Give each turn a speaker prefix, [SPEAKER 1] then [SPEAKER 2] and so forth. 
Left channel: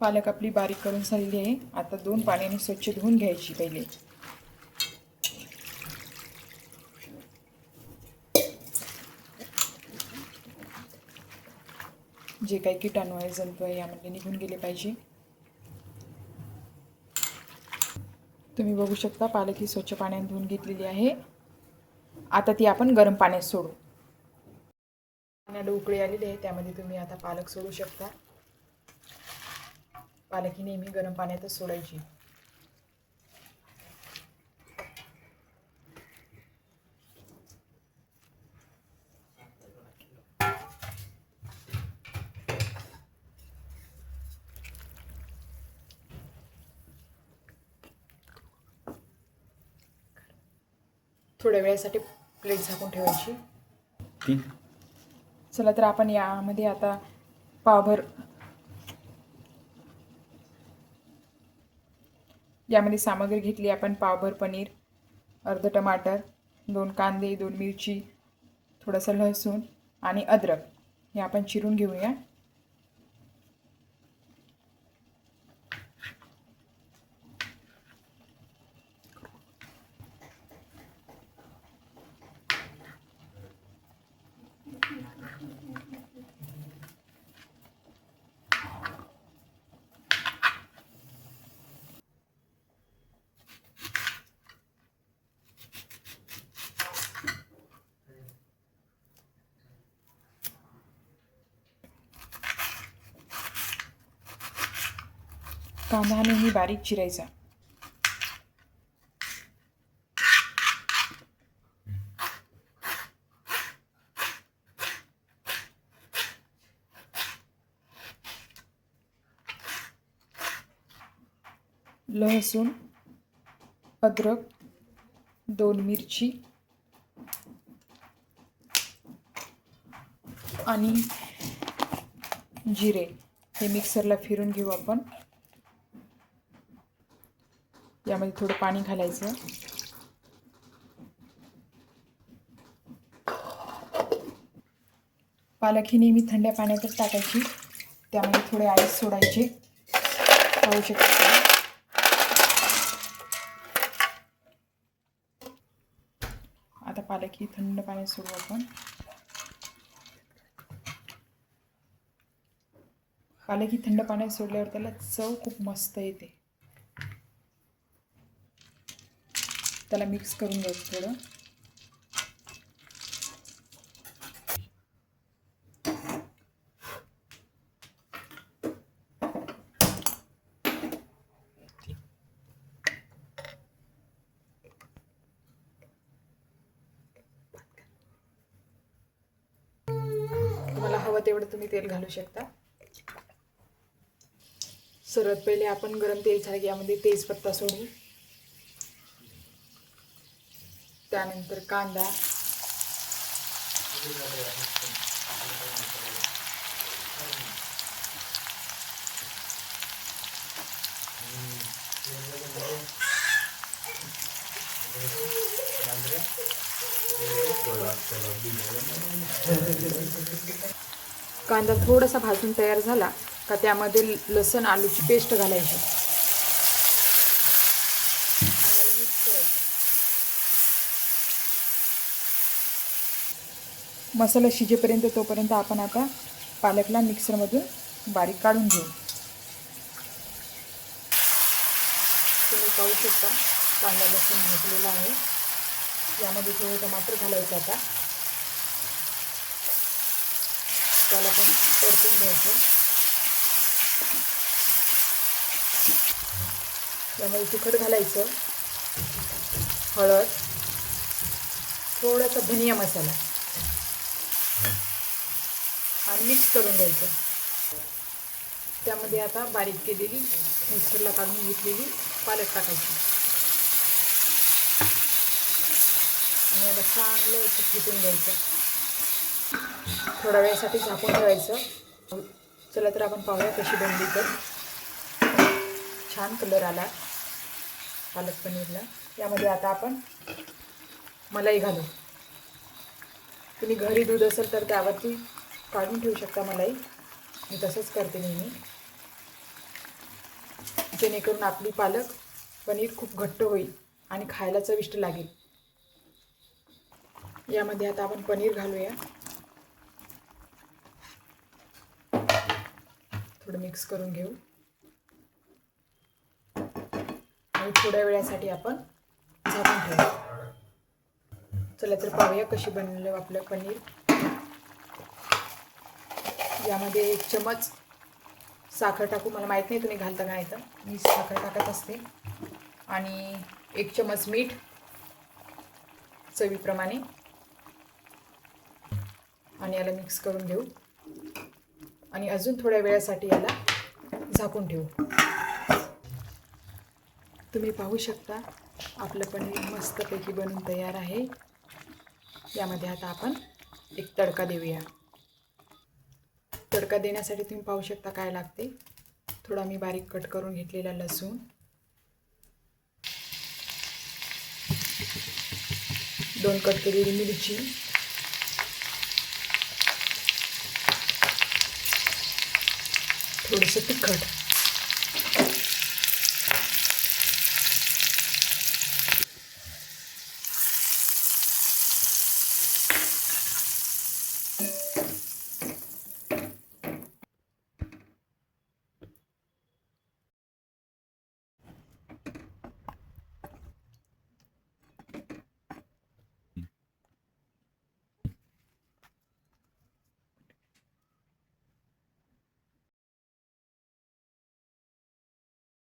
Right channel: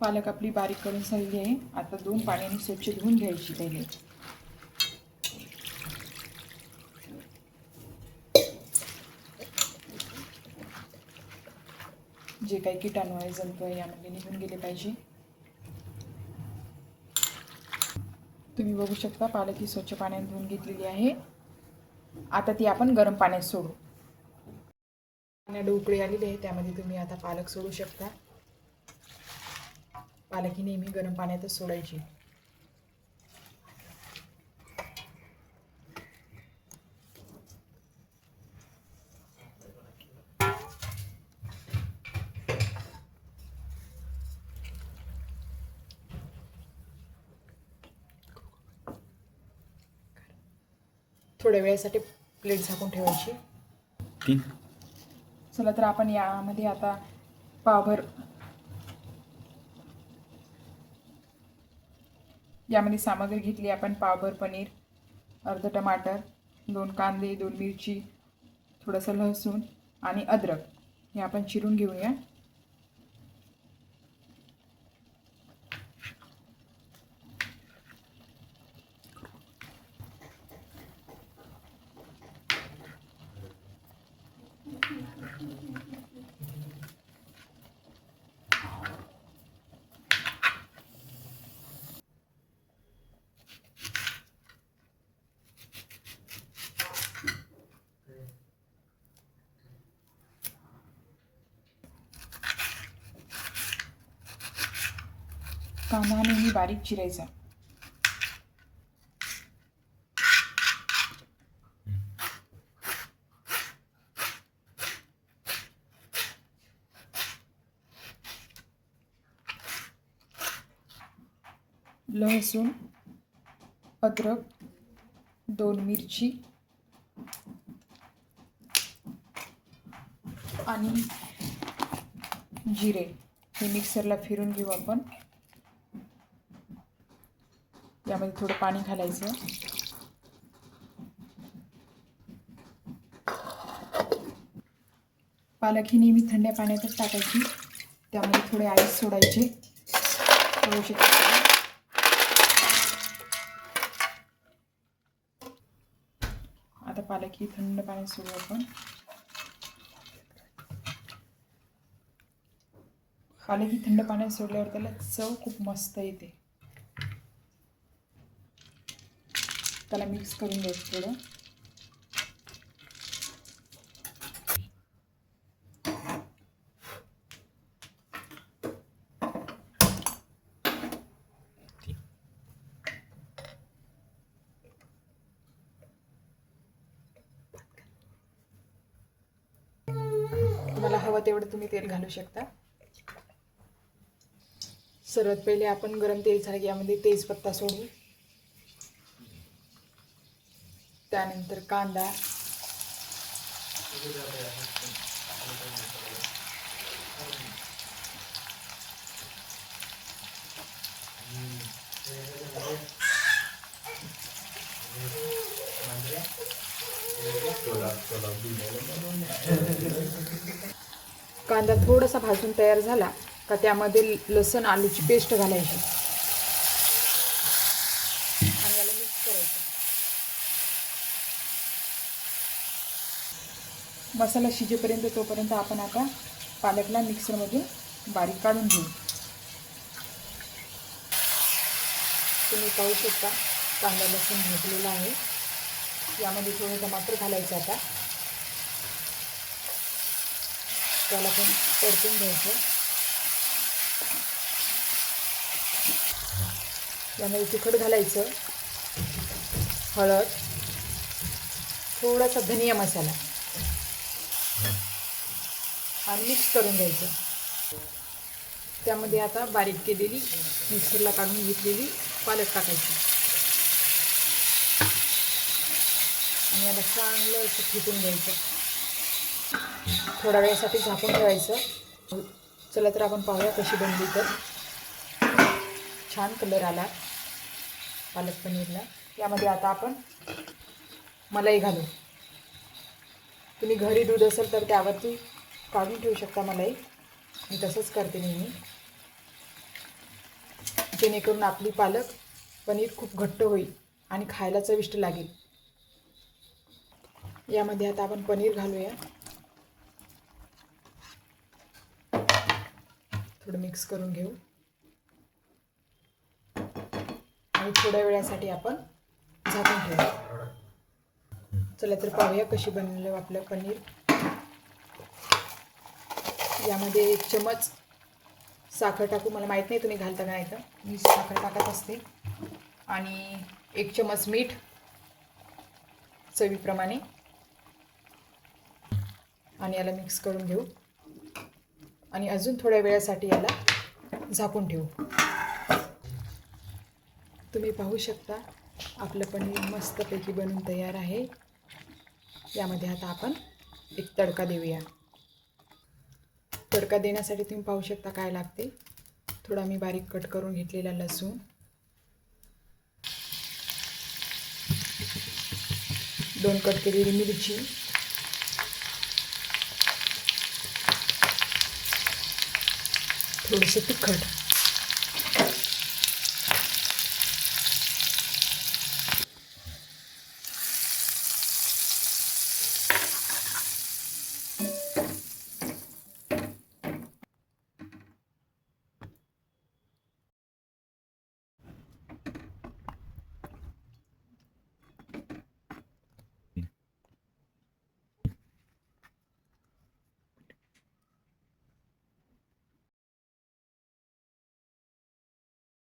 [SPEAKER 1] पालक आपली बारीक करून झालेली आहे. आता दोन पाण्याने स्वच्छ धुवून घ्यायची पहिले. जे काही किटाणू आहे जंतू आहे यामध्ये निघून गेले पाहिजे. तुम्ही बघू शकता पालक ही स्वच्छ पाण्याने धुवून घेतलेली आहे. आता ती आपण गरम पाण्यात सोडू. पाण्याला उकळी आलेली आहे त्यामध्ये तुम्ही आता पालक सोडू शकता. पालक ही नेहमी गरम पाण्यातच सोडायची. थोड्या वेळासाठी प्लेट झाकून ठेवायची. चला तर आपण यामध्ये आता पावभर यामध्ये सामग्री घेतली आपण पावभर पनीर अर्ध टमाटर दोन कांदे दोन मिरची थोडंसं लसूण आणि अद्रक. हे आपण चिरून घेऊया. कांदा नेहमी बारीक चिरायचा. लसूण अद्रक दोन मिरची आणि जिरे. हे मिक्सरला फिरून घेऊ आपण. यामध्ये थोडं पाणी घालायचं. पालक ही नेहमी थंड्या पाण्यातच टाकायची. त्यामध्ये थोडे आईस सोडायचे. होऊ शकते. आता पालक ही थंड पाण्यात सोडू आपण. पालक ही थंड पाण्यात सोडल्यावर त्याला चव खूप मस्त येते. त्याला मिक्स करून घ्यायचं थोडं. तुम्हाला हवं तेवढं तुम्ही तेल घालू शकता. सर्वात पहिले आपण गरम तेल झालं की यामध्ये तेजपत्ता सोडू त्यानंतर कांदा. कांदा थोडासा भाजून तयार झाला का त्यामध्ये लसण आलूची पेस्ट घालायची आणि याला मिक्स करायचं मसाला शिजेपर्यंत तोपर्यंत आपण आता पालकला मिक्सरमधून बारीक काढून घेऊ. तुम्ही पाहू शकता कांदा लसूण भाजलेला आहे. यामध्ये थोडं टमाटर घालायचं आता. त्याला पण परतून घ्यायचं. यामध्ये तिखट घालायचं हळद थोडासा धनिया मसाला. आणि मिक्स करून घ्यायचं. त्यामध्ये आता बारीक केलेली मिक्सरला काढून घेतलेली पालक टाकायची. आणि आता चांगलं असं फिटून घ्यायचं. थोड्या वेळासाठी झाकून ठेवायचं. चला तर आपण पाहूया कशी बनली तर. छान कलर आला पालक पनीरला. यामध्ये आता आपण मलाई घालू. तुम्ही घरी दूध असेल तर त्यावरती काढून ठेवू शकता मलाई. मी तसंच करते नेहमी. जेणेकरून आपली पालक पनीर खूप घट्ट होईल आणि खायला चविष्ट लागेल. यामध्ये आता आपण पनीर घालूया. थोडं मिक्स करून घेऊ. आणि थोड्या वेळासाठी आपण झाकून ठेवू. चला तर पाहूया कशी बनवलं आपलं पनीर. यामध्ये एक चमच साखर टाकू. मला माहीत नाही तुम्ही घालता का नाही तर. मी साखर टाकत असते. आणि एक चमच मीठ चवीप्रमाणे. आणि याला मिक्स करून घेऊ. आणि अजून थोड्या वेळासाठी याला झाकून ठेवू. तुम्ही पाहू शकता आपलं पनीर मस्तपैकी बनून तयार आहे. यामध्ये आता आपण एक तडका देऊया. तडका देण्यासाठी तुम्ही पाहू शकता काय लागते. थोडा मी बारीक कट करून घेतलेला लसूण. दोन कट केलेली मिरची. थोडंसं तिखट.